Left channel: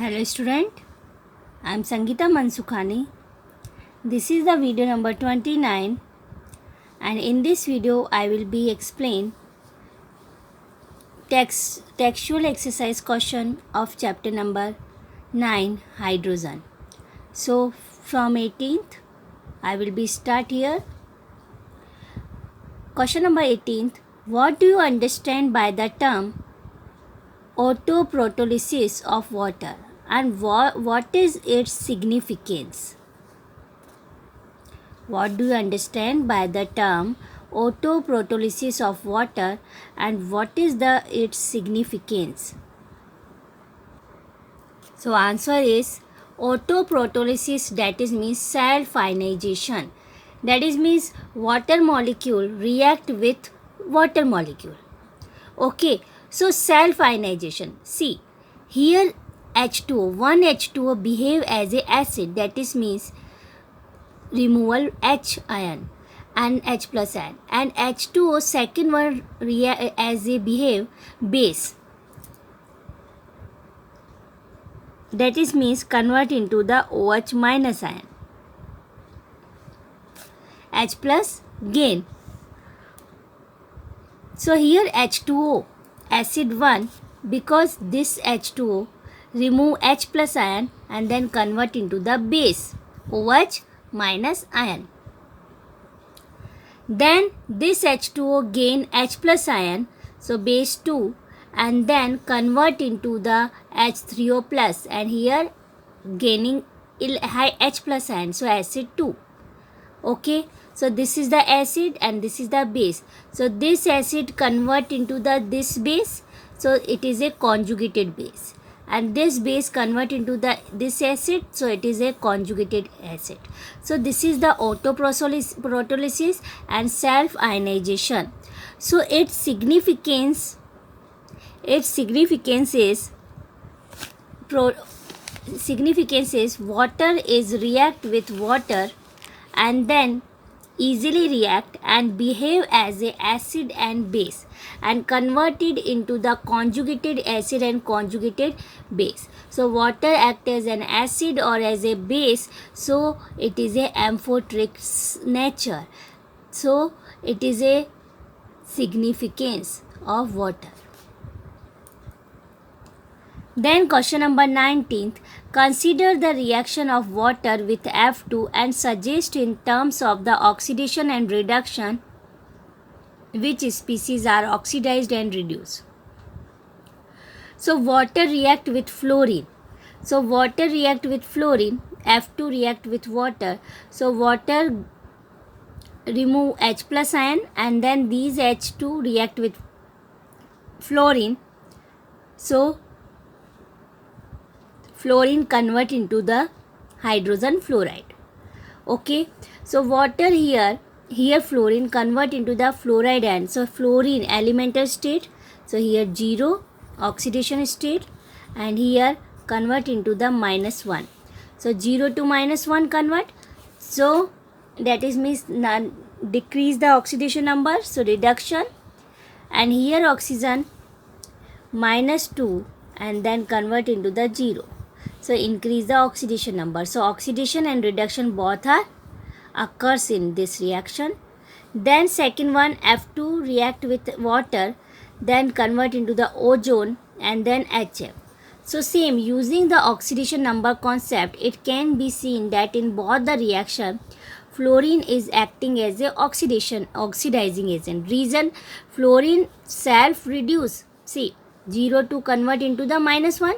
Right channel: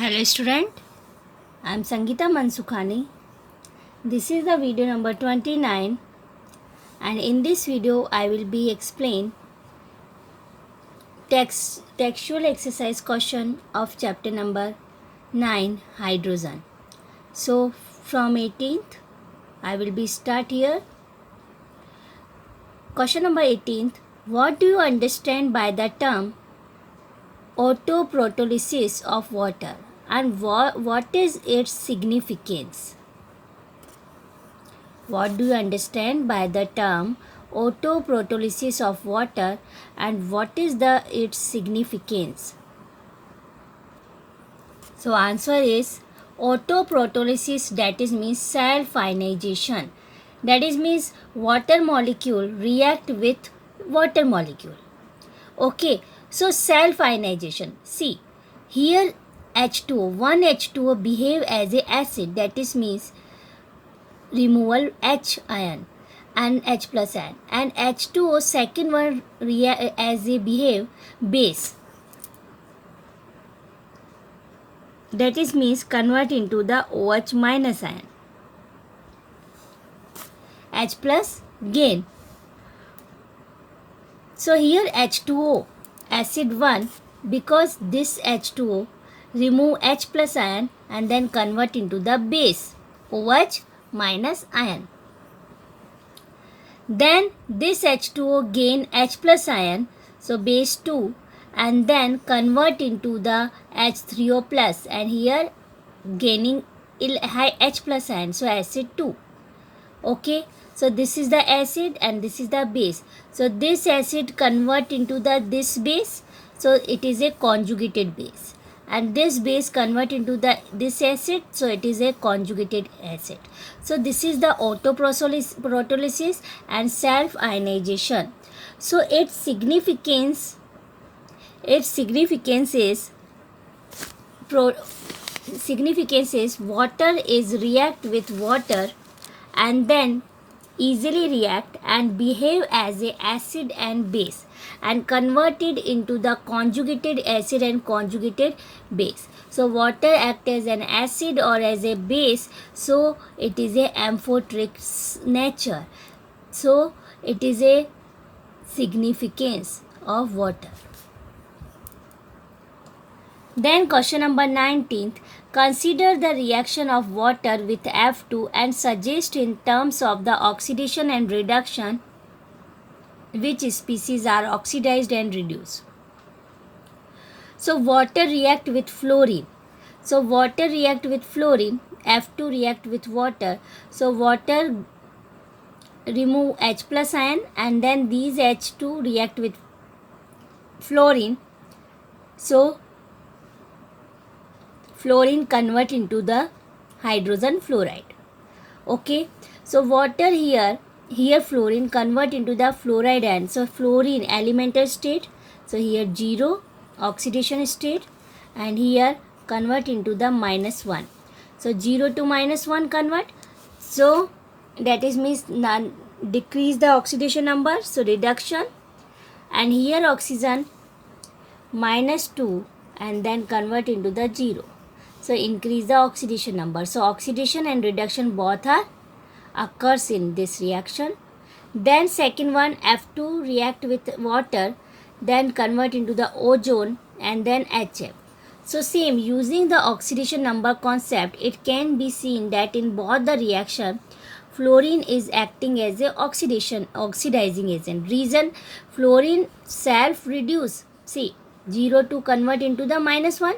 Hello student, I am Sangeeta Mansukhani. This is the video number 29 and in this video I will be explain textual exercise question of chapter number 9 hydrogen. So from 18th I will be start here. Question number 18th, what do you understand by the term autoprotolysis of water and what is its significance? What do you understand by the term autoprotolysis of water and what is its significance? So answer is autoprotolysis, that is means self ionization, that is means water molecule react with water molecule. Okay, so self ionization, see here H2O, one H2O behave as a acid, that is means removal H ion and H plus ion, and H2O second one react as a behave base, that is means convert into the OH minus ion, H plus gain. So here H2O acid 1, because this H2O remove H plus ion and then convert into the base OH minus ion. Then this H2O gain H plus ion, so base 2, and then convert into the H3O plus, and here gaining high H plus ion, so acid 2. Okay, so this is the acid and this is the base. So this acid convert into this base, so it is a conjugated base, and this base convert into this acid, so it is a conjugated acid. So this is the autoprotolysis and self ionization. So its significance is water is react with water and then easily react and behave as a acid and base and converted into the conjugated acid and conjugated base. So water act as an acid or as a base, so it is a amphoteric nature. So it is a significance of water. Then question number 19th, consider the reaction of water with F2 and suggest in terms of the oxidation and reduction which species are oxidized and reduced. So water react with fluorine. So water react with fluorine, F2 react with water. So water remove H plus ion and then these H2 react with fluorine. So fluorine convert into the hydrogen fluoride. Okay, so water here fluorine convert into the fluoride ion. So fluorine elemental state, so here 0 oxidation state, and here convert into the -1. So 0 to -1 convert, so that is means decrease the oxidation number, so reduction, and here oxygen -2 and then convert into the 0. So increase the oxidation number. So oxidation and reduction both are occurs in this reaction. Then second one, F2 react with water, then convert into the ozone and then HF. So same, using the oxidation number concept, it can be seen that in both the reaction, fluorine is acting as a oxidizing agent. Reason, fluorine self reduce. See, 0 to convert into the -1.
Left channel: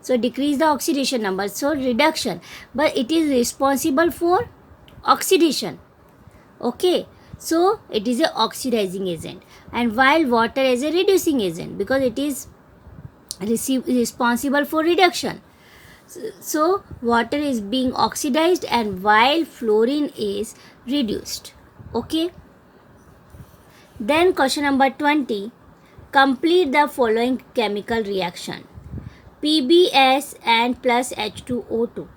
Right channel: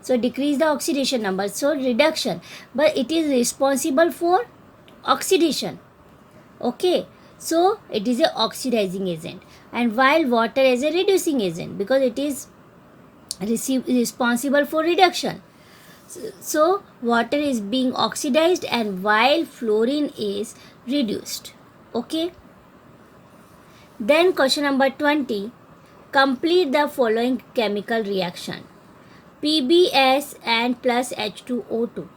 So decrease the oxidation number, so reduction, but it is responsible for oxidation. Okay, so it is a oxidizing agent, and while water is a reducing agent because it is responsible for reduction. So water is being oxidized and while fluorine is reduced. Okay, then question number 20, complete the following chemical reaction. PbS and plus H2O2.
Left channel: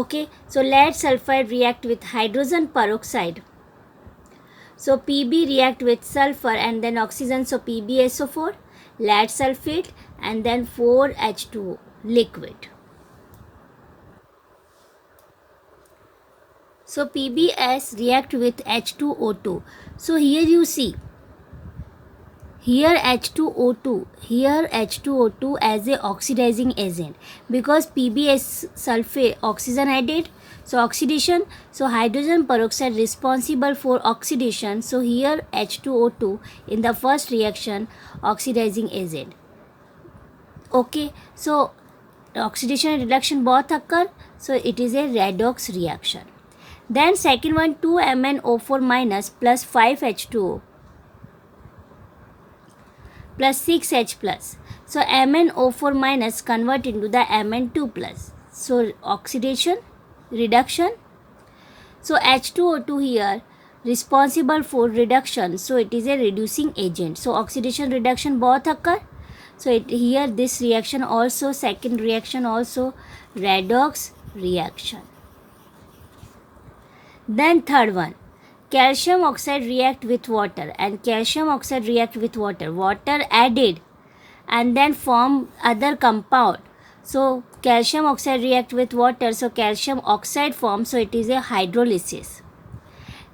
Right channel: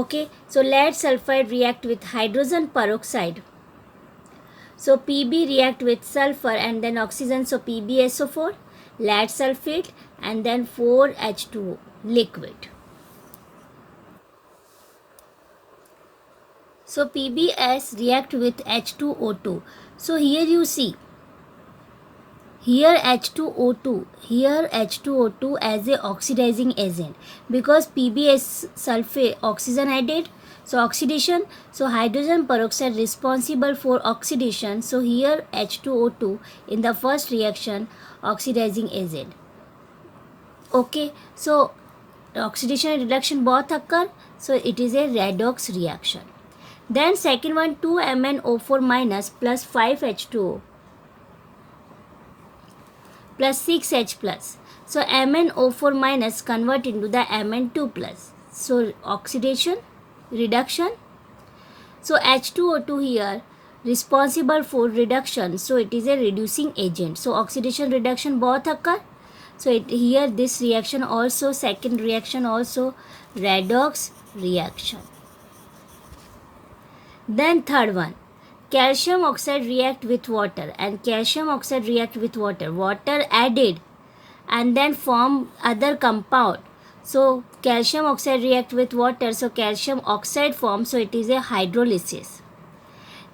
Okay, so lead sulfide react with hydrogen peroxide. So Pb react with sulfur and then oxygen, so PbSO4, lead sulfate and then 4H2O liquid. So PbS react with H2O2. So here you see, here H2O2 as a oxidizing agent, because PbS sulfate oxygen added, so oxidation, so hydrogen peroxide responsible for oxidation, so here H2O2 in the first reaction oxidizing agent. Okay, so oxidation and reduction both occur, so it is a redox reaction. Then second one, 2MnO4 minus plus 5H2O plus 6H plus. So MnO4 minus convert into the Mn2 plus. So oxidation, reduction. So H2O2 here responsible for reduction. So it is a reducing agent. So oxidation, reduction both occur. So here this reaction also, second reaction also redox reaction. Then third one, calcium oxide react with water, and calcium oxide react with water added and then form other compound. So calcium oxide react with water, so calcium oxide forms, so it is a hydrolysis.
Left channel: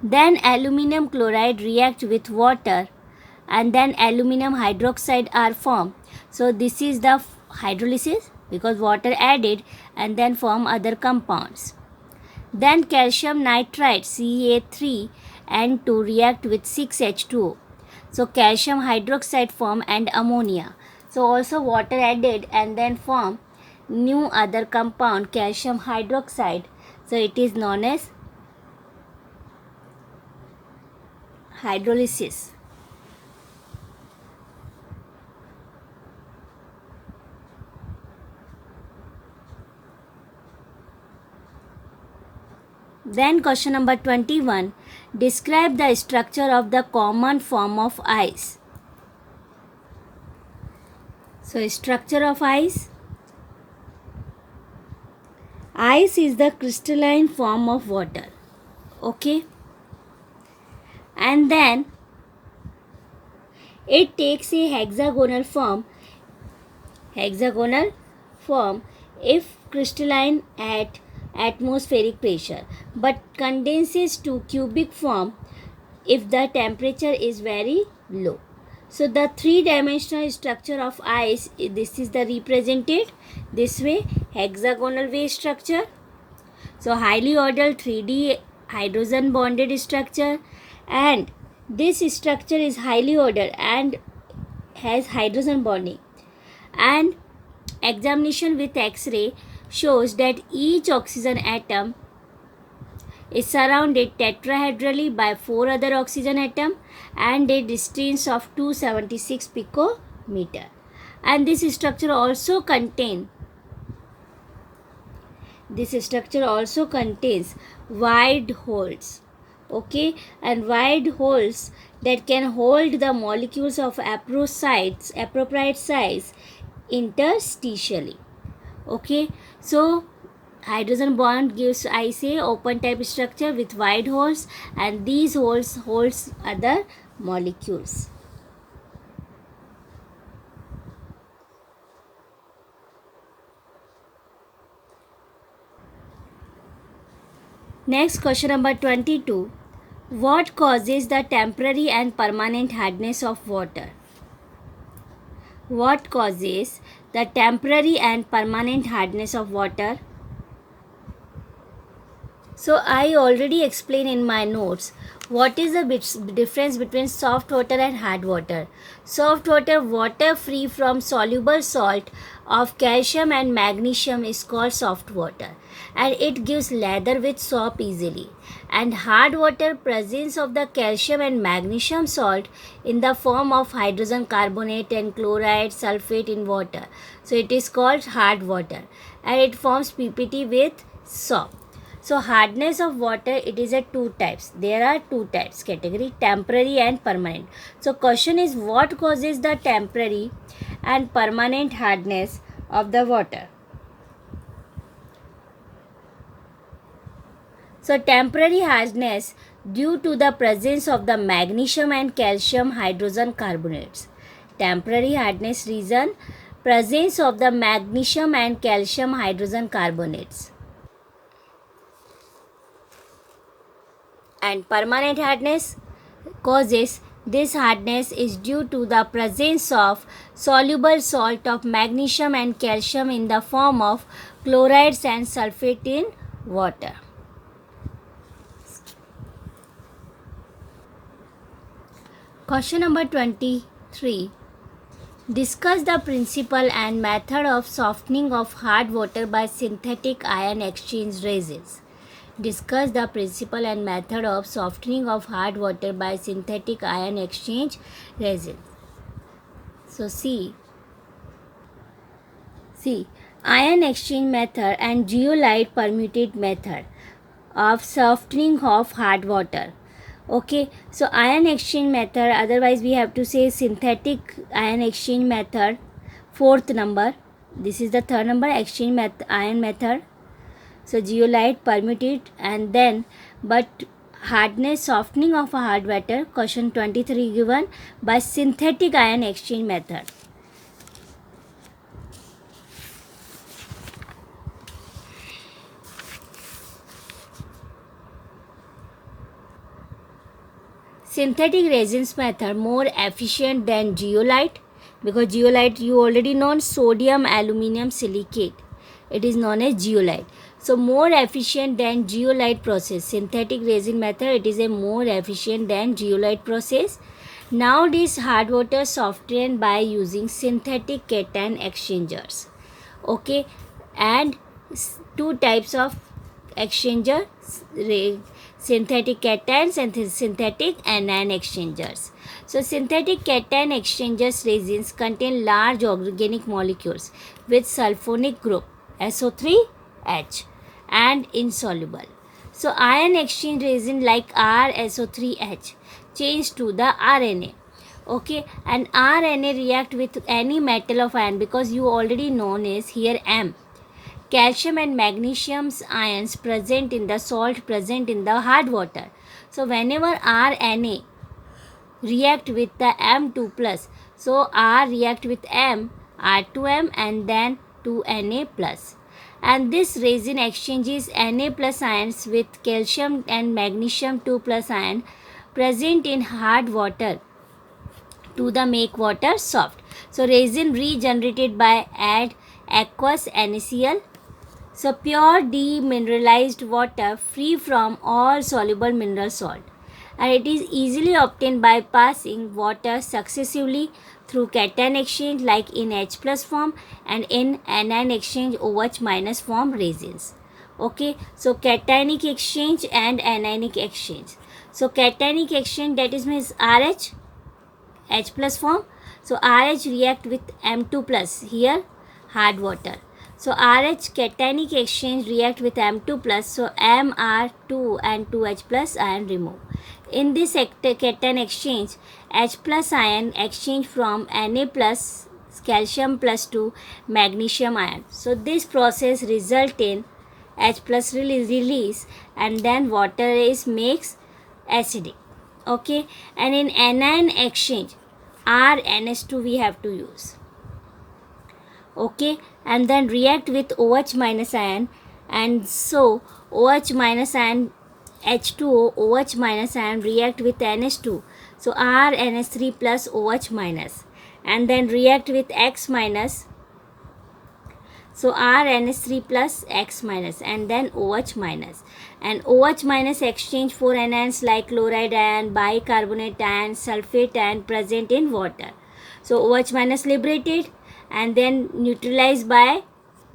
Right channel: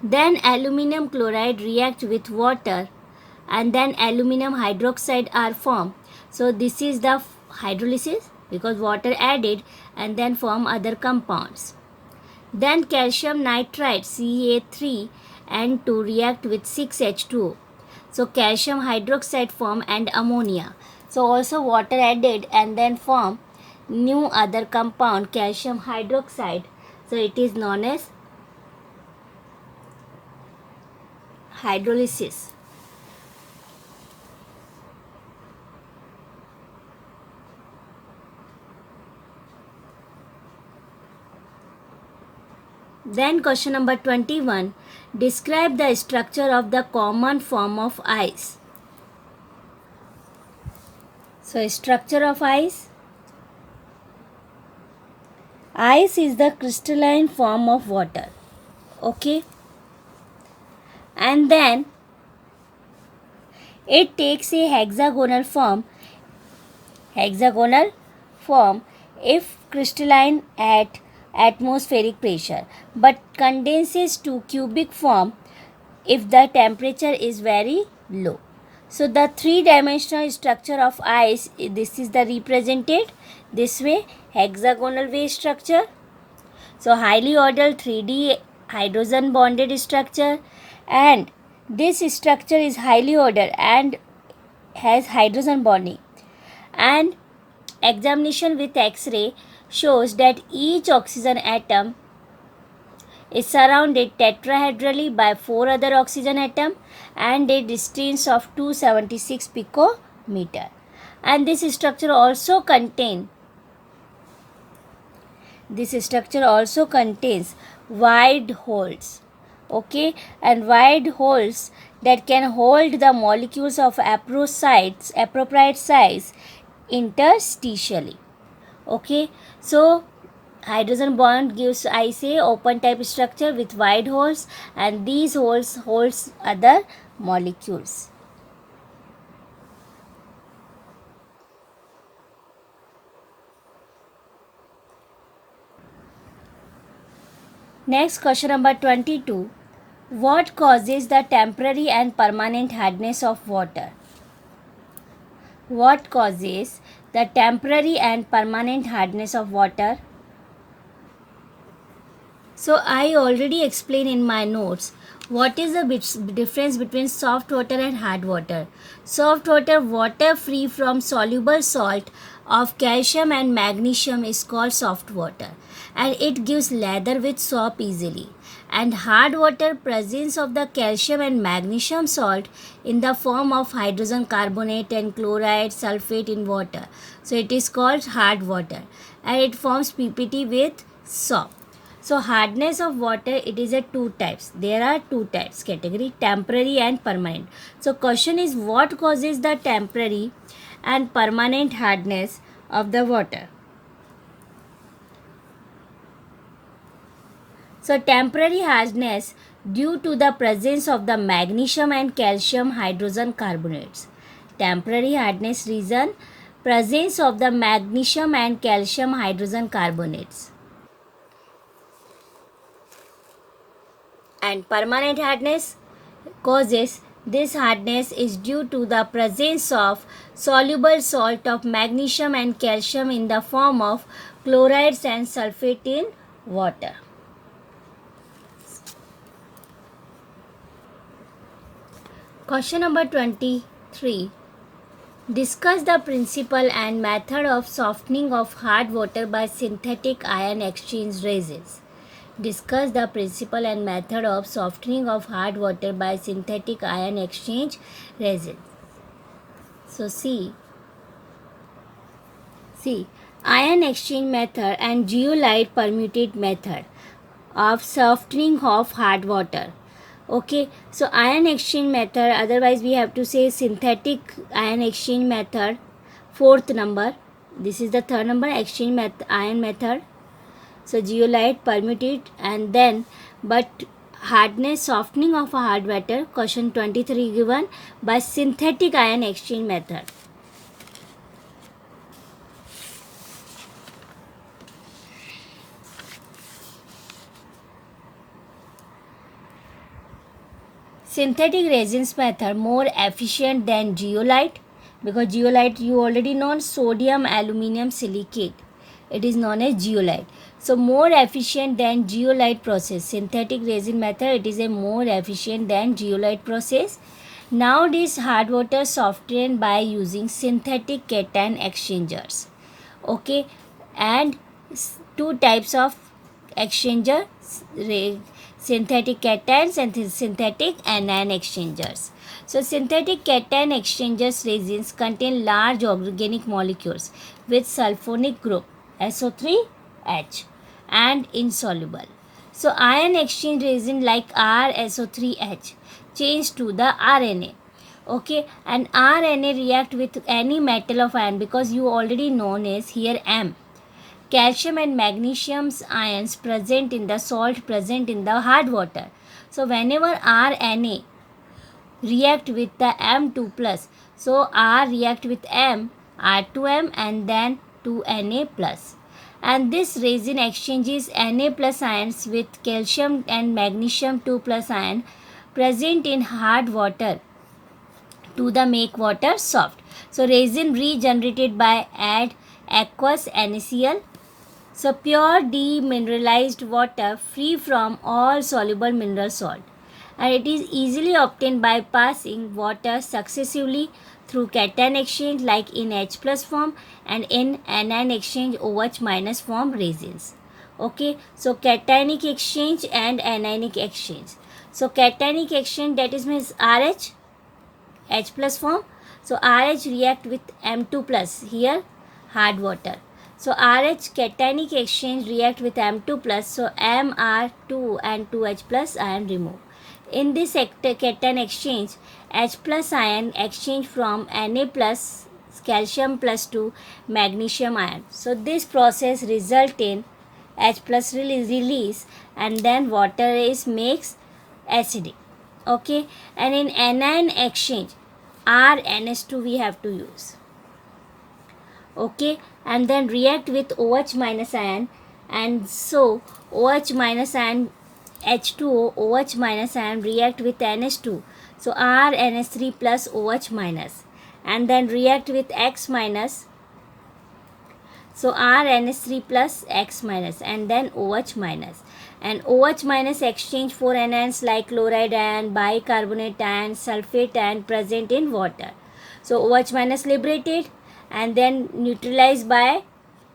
Then aluminum chloride react with water and then aluminum hydroxide are formed. So this is the hydrolysis, because water added and then form other compounds. Then calcium nitride Ca3N2 react with 6H2O. So calcium hydroxide form and ammonia. So also water added and then form new other compound, calcium hydroxide. So it is known as hydrolysis. Then question number 21. Describe the structure of the common form of ice. So structure of ice. Ice is the crystalline form of water. Okay. And then it takes a hexagonal form if crystalline at atmospheric pressure, but condenses to cubic form if the temperature is very low. So the three-dimensional structure of ice, this is the represented this way, hexagonal wave structure. So highly ordered 3D hydrogen bonded structure, and this structure is highly ordered and has hydrogen bonding. And examination with X-ray shows that each oxygen atom is surrounded tetrahedrally by 4 other oxygen atoms and a distance of 276 picometer. And this structure also contains wide holes. Okay, and wide holes that can hold the molecules of appropriate size interstitially. Okay, so hydrogen bond gives, I say, open type structure with wide holes, and these holes holds other molecules. Next, question number 22. What causes the temporary and permanent hardness of water? What causes the temporary and permanent hardness of water? So I already explained in my notes what is the difference between soft water and hard water. Soft water, water free from soluble salt of calcium and magnesium, is called soft water, and it gives lather with soap easily. And hard water, presence of the calcium and magnesium salt in the form of hydrogen carbonate and chloride, sulfate in water. So it is called hard water, and it forms PPT with soap. So hardness of water, it is a two types. There are two types category, temporary and permanent. So question is, what causes the temporary and permanent hardness of the water? So temporary hardness due to the presence of the magnesium and calcium hydrogen carbonates. Temporary hardness reason, presence of the magnesium and calcium hydrogen carbonates. And permanent hardness causes this hardness is due to the presence of soluble salt of magnesium and calcium in the form of chlorides and sulfate in water. Question number 23. Discuss the principle and method of softening of hard water by synthetic ion exchange resins. Discuss the principle and method of softening of hard water by synthetic ion exchange resin. So see, ion exchange method and zeolite permuted method of softening of hard water. Okay, so ion exchange method, otherwise we have to say synthetic ion exchange method, fourth number. This is the third number, exchange ion method. So zeolite permuted, and then but hardness softening of a hard water, question 23 given, by synthetic ion exchange method. Synthetic resins method more efficient than zeolite, because zeolite you already know, sodium aluminum silicate, it is known as zeolite. So more efficient than zeolite process. Synthetic resin method, it is a more efficient than zeolite process. Nowadays hard water softened by using synthetic cation exchangers. Okay, and two types of exchanger, synthetic cations and synthetic anion exchangers. So synthetic cation exchangers resins contain large organic molecules with sulfonic group SO3H and insoluble. So ion exchange resin like RSO3H change to the RNA. Okay, and RNA react with any metal of ion, because you already known is here M. Calcium and magnesium ions present in the salt present in the hard water. So whenever RNA react with the M2 plus, so R react with M, R2M and then 2Na plus. And this resin exchanges Na plus ions with calcium and magnesium 2 plus ion present in hard water to the make water soft. So resin regenerated by add aqueous NaCl. So pure demineralized water free from all soluble mineral salt, and it is easily obtained by passing water successively through cation exchange like in H plus form and in anion exchange OH minus form resins. Okay, so cationic exchange and anionic exchange. So cationic exchange, that is means RH, H plus form. So RH react with M2 plus, here hard water. So RH cationic exchange react with M2 plus, so MR2 and 2H plus ion remove. In this cation exchange, H plus ion exchange from Na plus calcium plus to magnesium ion. So this process result in H plus release, and then water is makes acidic. Okay, and in anion exchange, RNS2 we have to use. Okay, and then react with OH minus ion, and so OH minus ion H2O, OH minus ion react with NH2, so RNS3 plus OH minus, and then react with X minus, so RNS3 plus X minus, and then OH minus, and OH minus exchange for anions like chloride ion, bicarbonate ion, sulfate ion present in water. So OH minus liberated and then neutralized by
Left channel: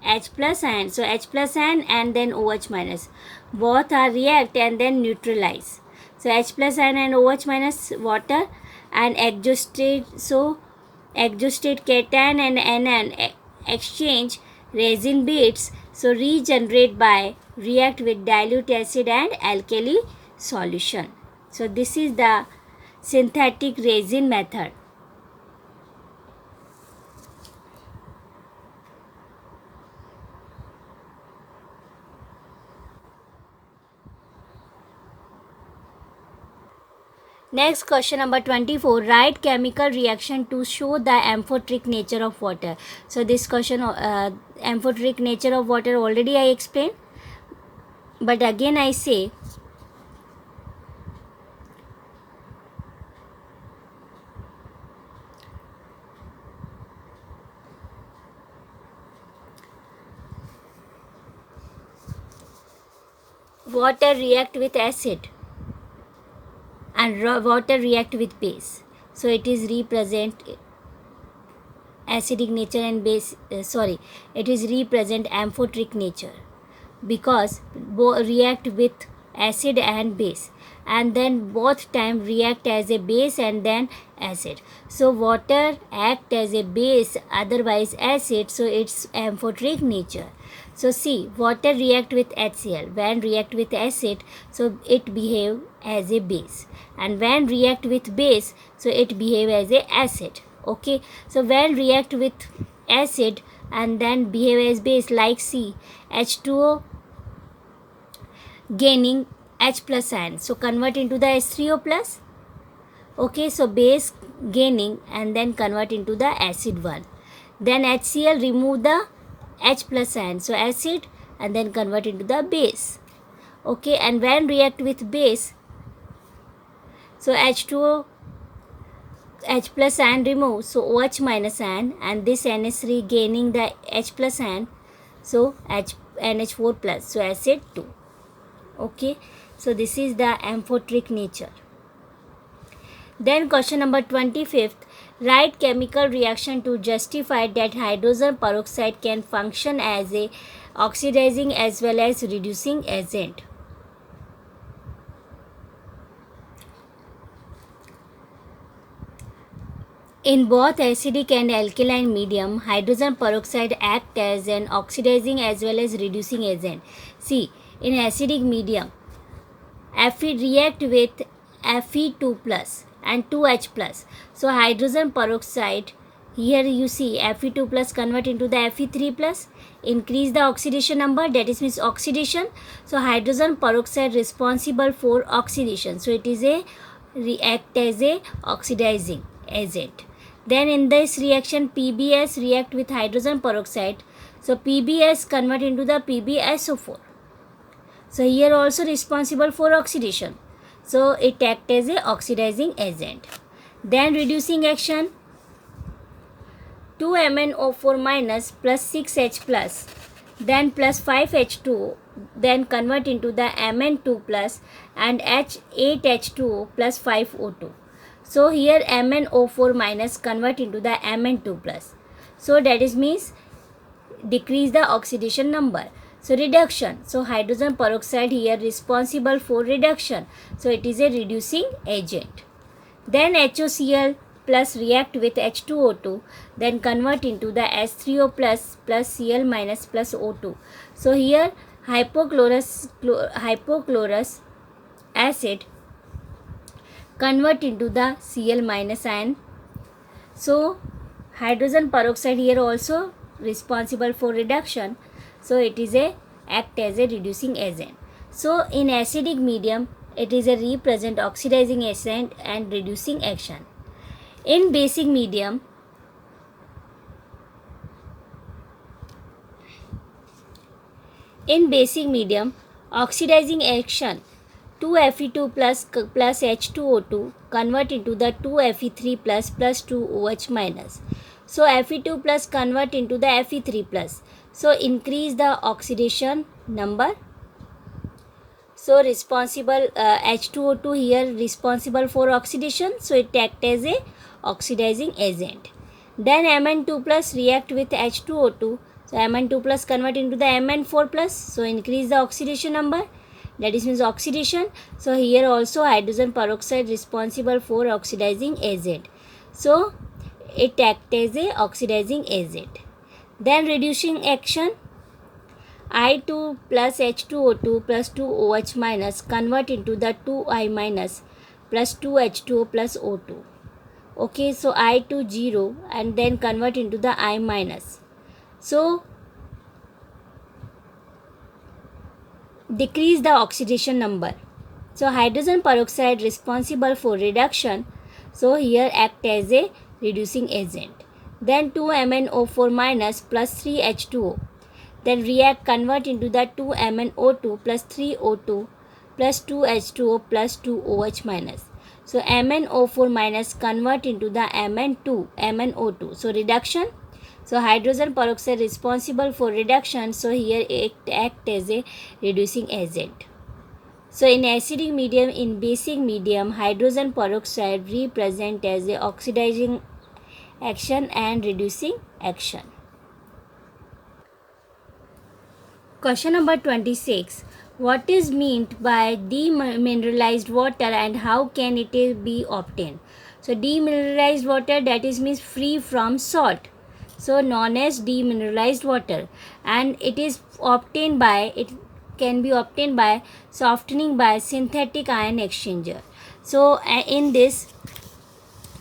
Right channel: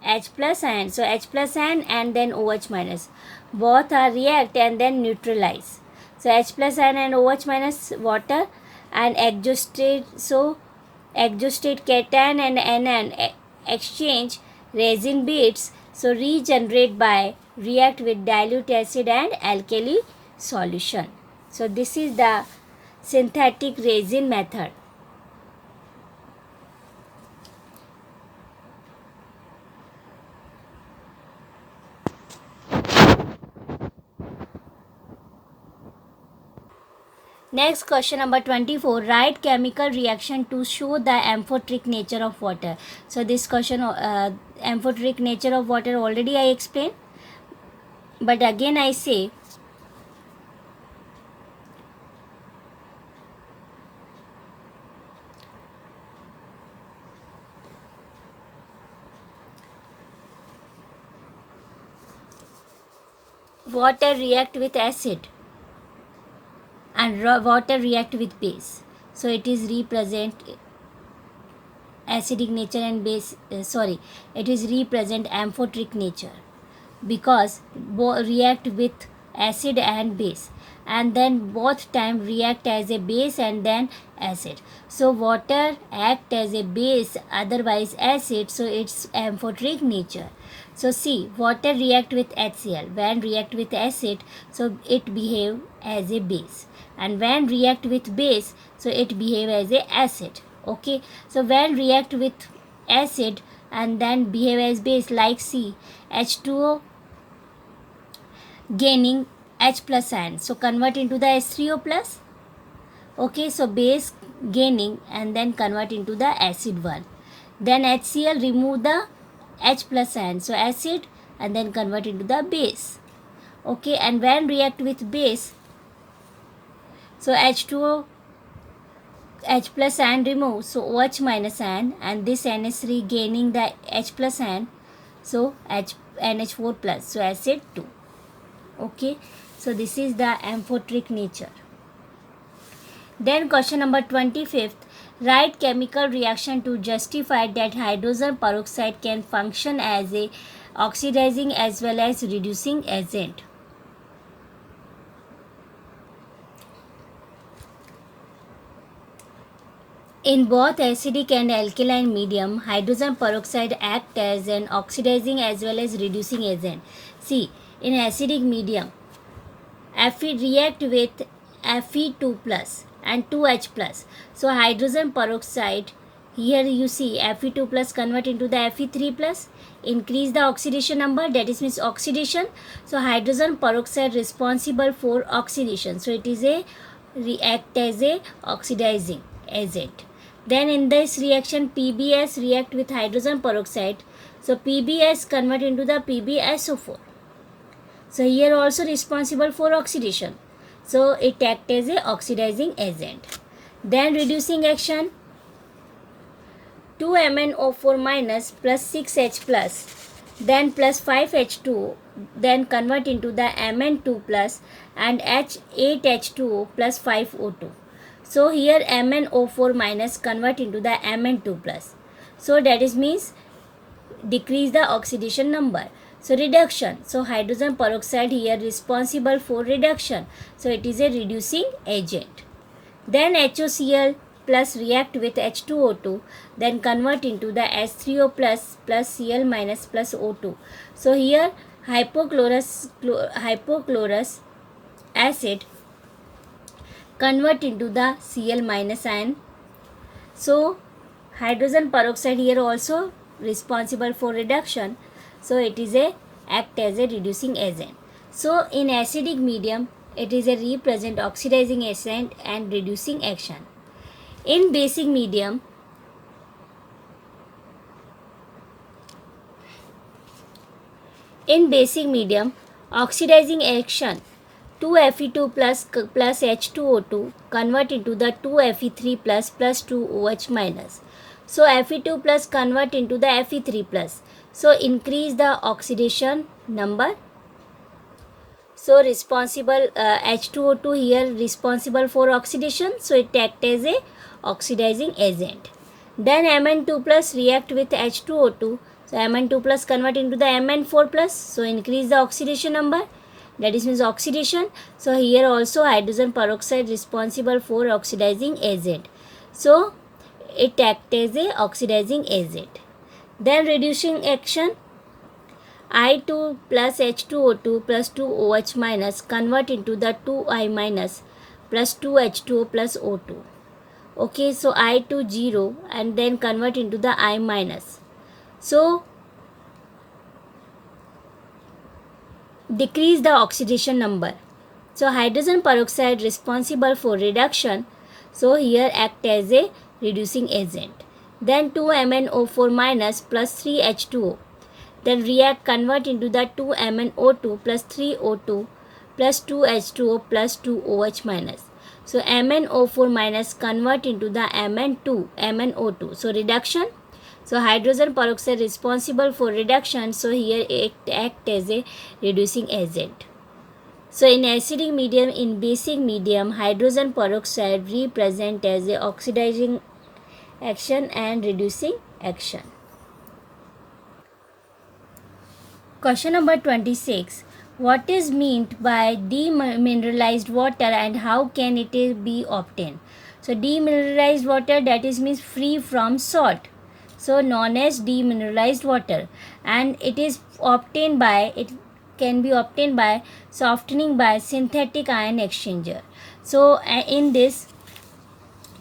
H plus ion. So H plus ion and then OH minus, both are react and then neutralize. So H plus ion and OH minus water and exhausted. So exhausted cation and anion exchange resin beads. So regenerate by react with dilute acid and alkali solution. So this is the synthetic resin method. Next question number 24. Write chemical reaction to show the amphoteric nature of water. So this question, amphoteric nature of water already I explained. But again I say, water react with acid and water react with base. So it is represent acidic nature and base, it is represent amphoteric nature, because react with acid and base, and then both time react as a base and then acid. So water act as a base, otherwise acid, so it's amphoteric nature. So see, water react with HCl. When react with acid, so it behave as a base, and when react with base, so it behave as a acid. Okay, so when react with acid and then behave as base, like C, H2O gaining H plus ion, so convert into the H3O plus. Okay, so base gaining and then convert into the acid one. Then HCl remove the H plus ion, so acid, and then convert into the base. Okay, and when react with base, so H2O H plus ion remove, so OH minus ion, and this NH3 gaining the H plus ion, so NH4 plus, so acid 2. Okay, so this is the amphoteric nature. Then question number 25th, write chemical reaction to justify that hydrogen peroxide can function as a oxidizing as well as reducing agent. In both acidic and alkaline medium, hydrogen peroxide acts as an oxidizing as well as reducing agent. See, in acidic medium, Fe react with Fe2 plus and 2H plus. So hydrogen peroxide, here you see Fe2 plus convert into the Fe3 plus, increase the oxidation number, that is means oxidation. So hydrogen peroxide responsible for oxidation, so it is a react as a oxidizing agent. Then in this reaction, PbS react with hydrogen peroxide, so PbS convert into the PbSO4. So here also responsible for oxidation, so it act as a oxidizing agent. Then reducing action, 2MnO4 minus plus 6H plus, then plus 5H2, then convert into the Mn2 plus and H8H2O plus 5O2. So here MnO4 minus convert into the Mn2 plus. So that is means decrease the oxidation number. So reduction. So hydrogen peroxide here responsible for reduction. So it is a reducing agent. Then HOCl plus react with H2O2, then convert into the H3O plus plus Cl minus plus O2. So here hypochlorous acid convert into the Cl minus ion. So hydrogen peroxide here also responsible for reduction, so it is a act as a reducing agent. So in acidic medium, it is a represent oxidizing agent and reducing action. In basic medium, oxidizing action, 2Fe2 plus H2O2 convert into the 2Fe3 plus plus 2OH minus. So Fe2 plus convert into the Fe3 plus. So increase the oxidation number. So responsible H2O2 here responsible for oxidation, so it act as a oxidizing agent. Then Mn2 plus react with H2O2, so Mn2 plus convert into the Mn4 plus, so increase the oxidation number, that is means oxidation. So here also hydrogen peroxide responsible for oxidizing agent, so it act as a oxidizing agent. Then reducing action, I2 plus H2O2 plus 2OH minus convert into the 2I minus plus 2H2O plus O2. Okay, so I2 0 and then convert into the I minus. So decrease the oxidation number. So hydrogen peroxide responsible for reduction, so here act as a reducing agent. Then 2MnO4 minus plus 3H2O, then react convert into the 2MnO2 plus 3O2 plus 2H2O plus 2OH minus. So MnO4 minus convert into the MnO2, so reduction. So hydrogen peroxide responsible for reduction, so here it act as a reducing agent. So in acidic medium, in basic medium, hydrogen peroxide represent as a oxidizing action and reducing action. Question number 26. What is meant by demineralized water and how can it be obtained? So demineralized water, that is means free from salt. So known as demineralized water, and it can be obtained by softening by synthetic ion exchanger. So in this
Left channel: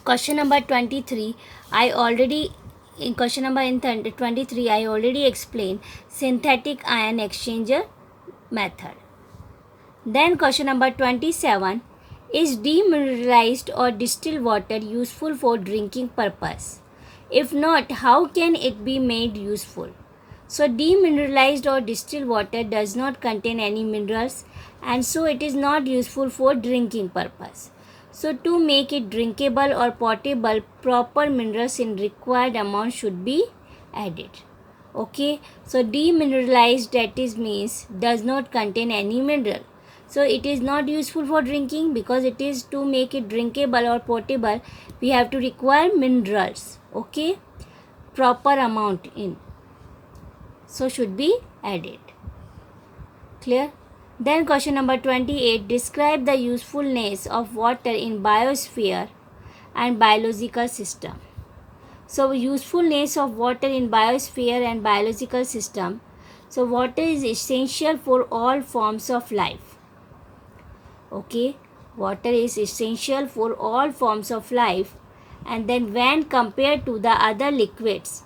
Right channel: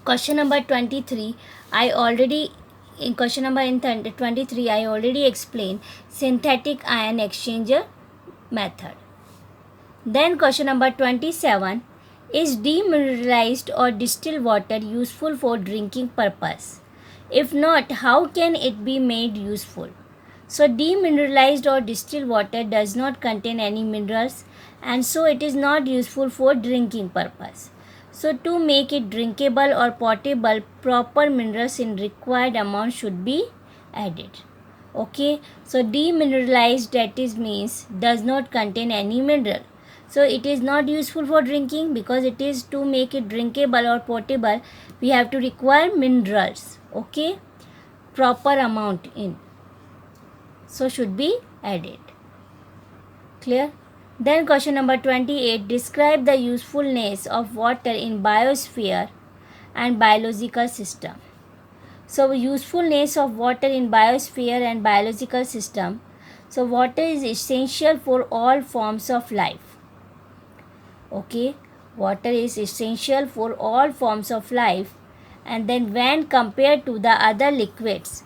question number 23, I already in question number 23 I already explained synthetic ion exchanger method. Then question number 27, is demineralized or distilled water useful for drinking purpose? If not, how can it be made useful? So demineralized or distilled water does not contain any minerals, and so it is not useful for drinking purpose. So to make it drinkable or potable, proper minerals in required amount should be added. Okay, so demineralized, that is means does not contain any mineral. So it is not useful for drinking, because it is to make it drinkable or potable we have to require minerals. Okay, proper amount in, so should be added. Clear? Then question number 28, describe the usefulness of water in biosphere and biological system. So usefulness of water in biosphere and biological system. So water is essential for all forms of life. Okay, water is essential for all forms of life, and then when compared to the other liquids,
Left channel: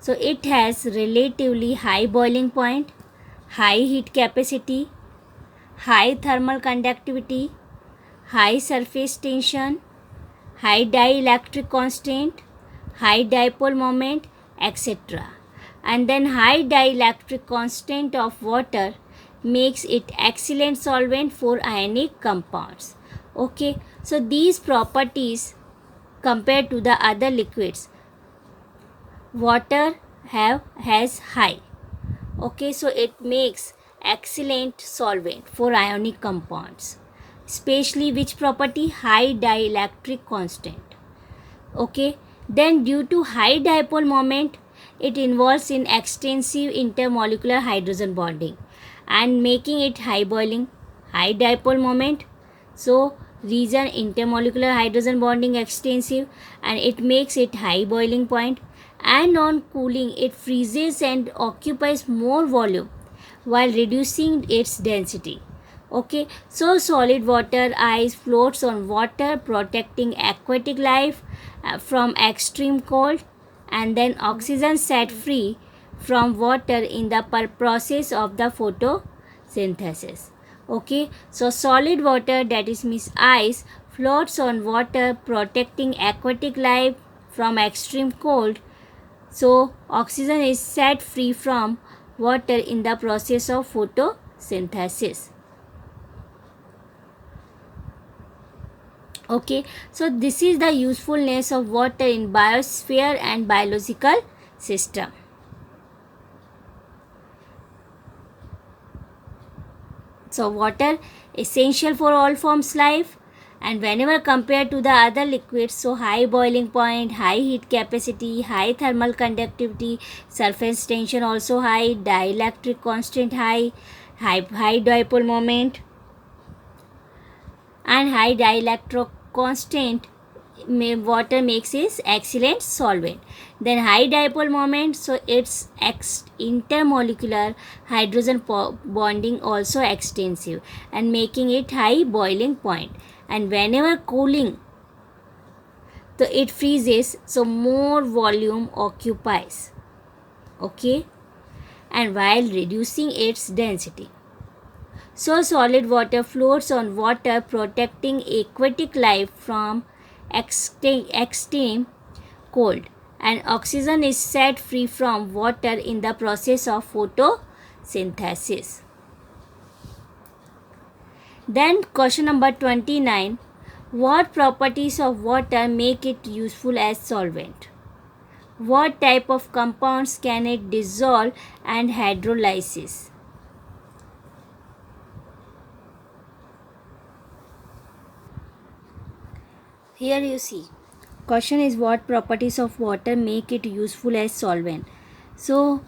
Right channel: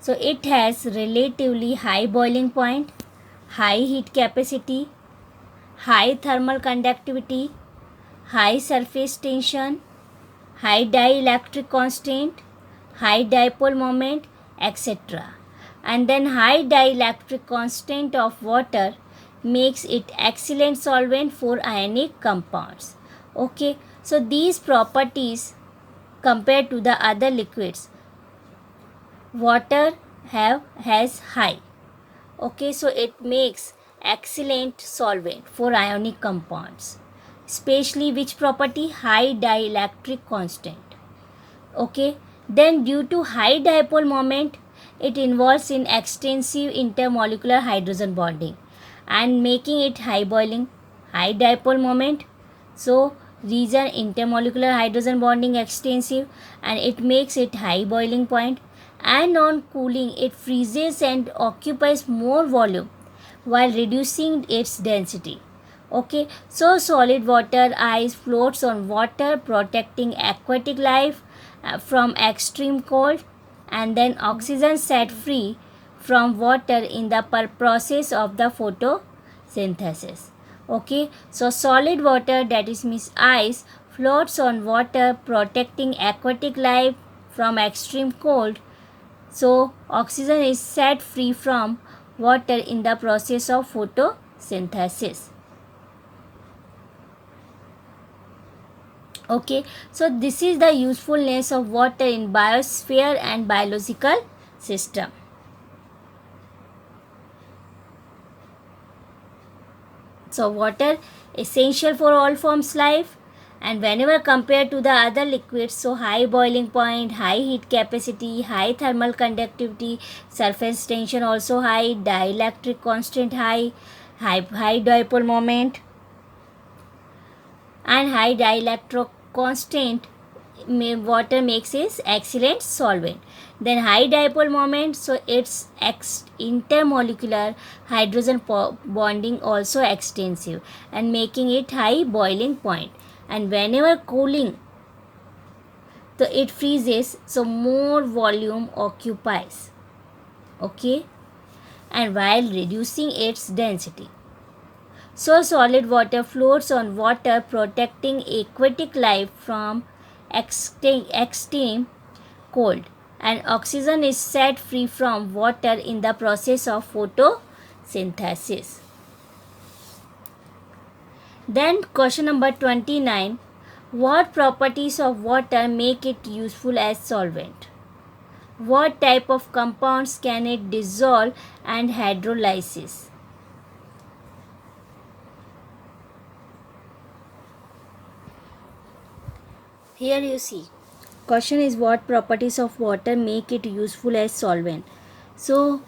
so it has relatively high boiling point, high heat capacity, high thermal conductivity, high surface tension, high dielectric constant, high dipole moment, etc. And then high dielectric constant of water makes it excellent solvent for ionic compounds. Okay, so these properties compared to the other liquids, water has high. Okay, so it makes excellent solvent for ionic compounds, especially which property? High dielectric constant. Okay, then due to high dipole moment, it involves in extensive intermolecular hydrogen bonding and making it high boiling. High dipole moment, so region intermolecular hydrogen bonding extensive, and it makes it high boiling point, and on cooling it freezes and occupies more volume while reducing its density. Okay, so solid water ice floats on water, protecting aquatic life from extreme cold, and then oxygen set free from water in the process of the photosynthesis. Okay, so solid water, that is means ice, floats on water, protecting aquatic life from extreme cold. So oxygen is set free from water in the process of photosynthesis. Okay, so this is the usefulness of water in biosphere and biological system. So water essential for all forms life, and whenever compared to the other liquids, so high boiling point, high heat capacity, high thermal conductivity, surface tension also high, dielectric constant high, high dipole moment, and high dielectric constant, water makes is excellent solvent. Then high dipole moment, so its intermolecular hydrogen bonding also extensive and making it high boiling point. And whenever cooling, so it freezes, so more volume occupies. Okay, and while reducing its density. So solid water floats on water, protecting aquatic life from extreme cold, and oxygen is set free from water in the process of photosynthesis. Then question number 29, what properties of water make it useful as solvent? What type of compounds can it dissolve and hydrolysis? Here you see. Question is, what properties of water make it useful as solvent? So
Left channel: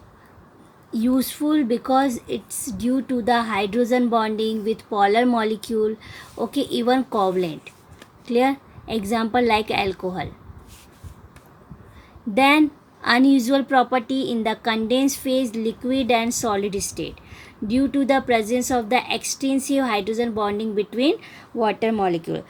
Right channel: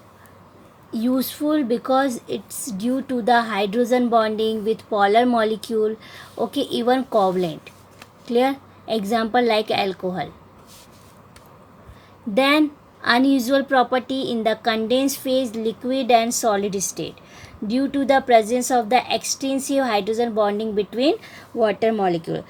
useful because it's due to the hydrogen bonding with polar molecule. Okay, even covalent. Clear? Example like alcohol. Then unusual property in the condensed phase, liquid and solid state, due to the presence of the extensive hydrogen bonding between water molecule.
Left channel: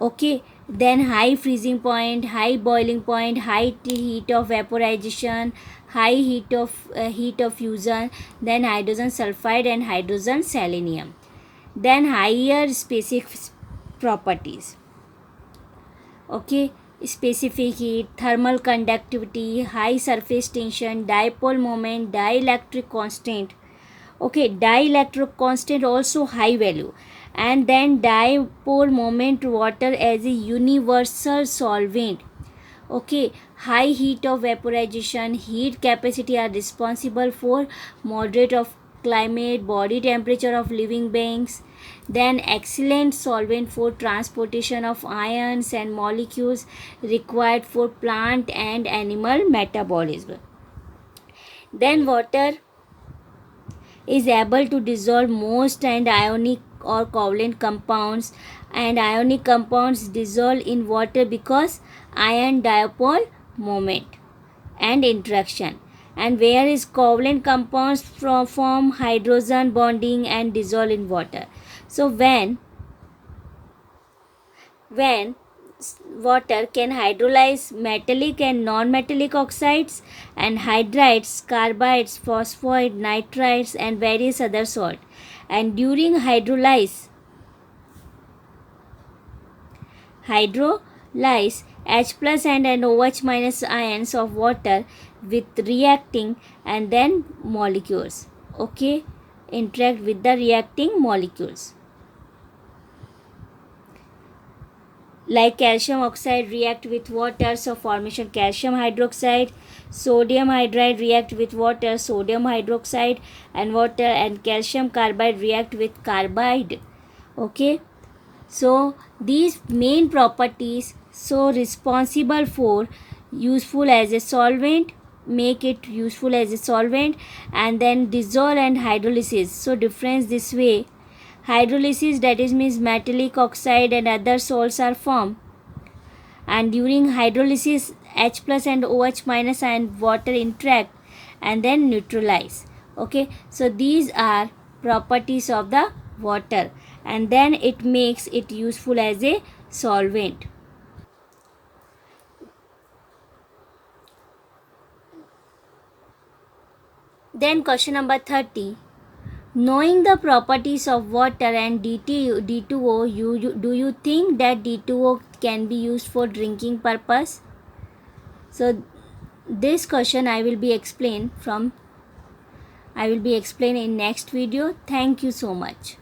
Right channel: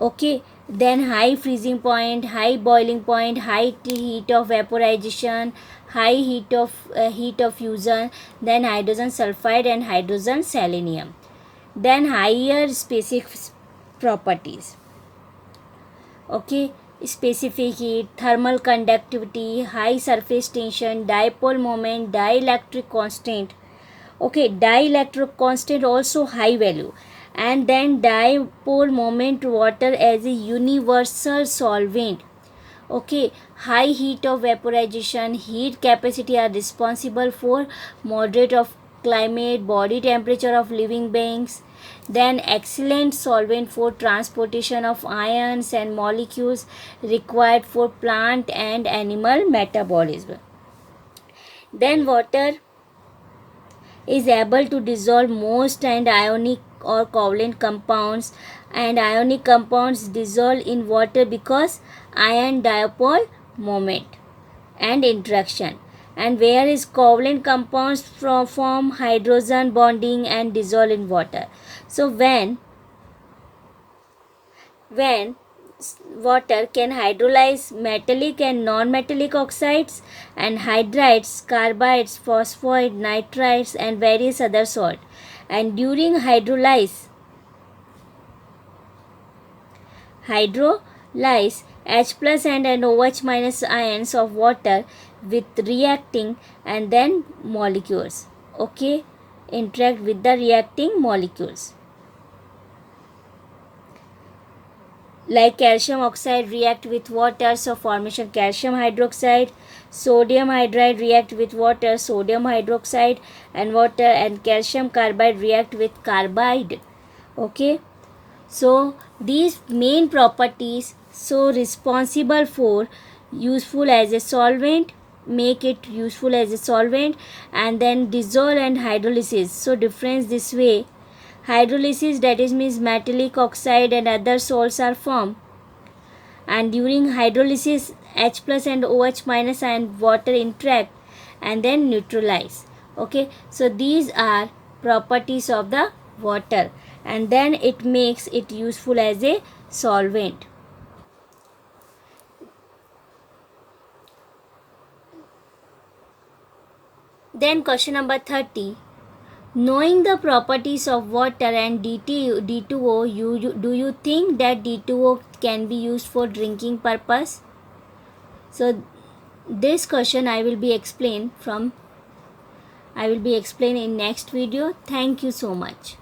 Okay, then high freezing point, high boiling point, high heat of vaporization, high heat of fusion, then hydrogen sulfide and hydrogen selenium. Then higher specific properties. Okay, specific heat, thermal conductivity, high surface tension, dipole moment, dielectric constant. Okay, dielectric constant also high value. And then dipole moment water as a universal solvent. Okay, high heat of vaporization, heat capacity are responsible for moderate of climate, body temperature of living beings. Then excellent solvent for transportation of ions and molecules required for plant and animal metabolism. Then water is able to dissolve most and ionic or covalent compounds, and ionic compounds dissolve in water because ion dipole moment and interaction, and whereas covalent compounds form hydrogen bonding and dissolve in water. So when water can hydrolyze metallic and non-metallic oxides and hydrides, carbides, phosphide, nitrides and various other salts. And during hydrolyze H plus and OH minus ions of water with reacting and then molecules. Okay, interact with the reacting molecules. Like calcium oxide react with water, so formation calcium hydroxide. Sodium hydride react with water, sodium hydroxide and water, and calcium carbide react with carbide. Okay, so these main properties so responsible for useful as a solvent, make it useful as a solvent, and then dissolve and hydrolysis. So difference this way: hydrolysis, that is means metallic oxide and other salts are formed, and during hydrolysis H plus and OH minus and water interact and then neutralize. Okay, so these are properties of the water, and then it makes it useful as a solvent. Then question number 30. Knowing the properties of water and D2O, do you think that D2O can be used for drinking purpose? So this question I will be explained in next video. Thank you so much.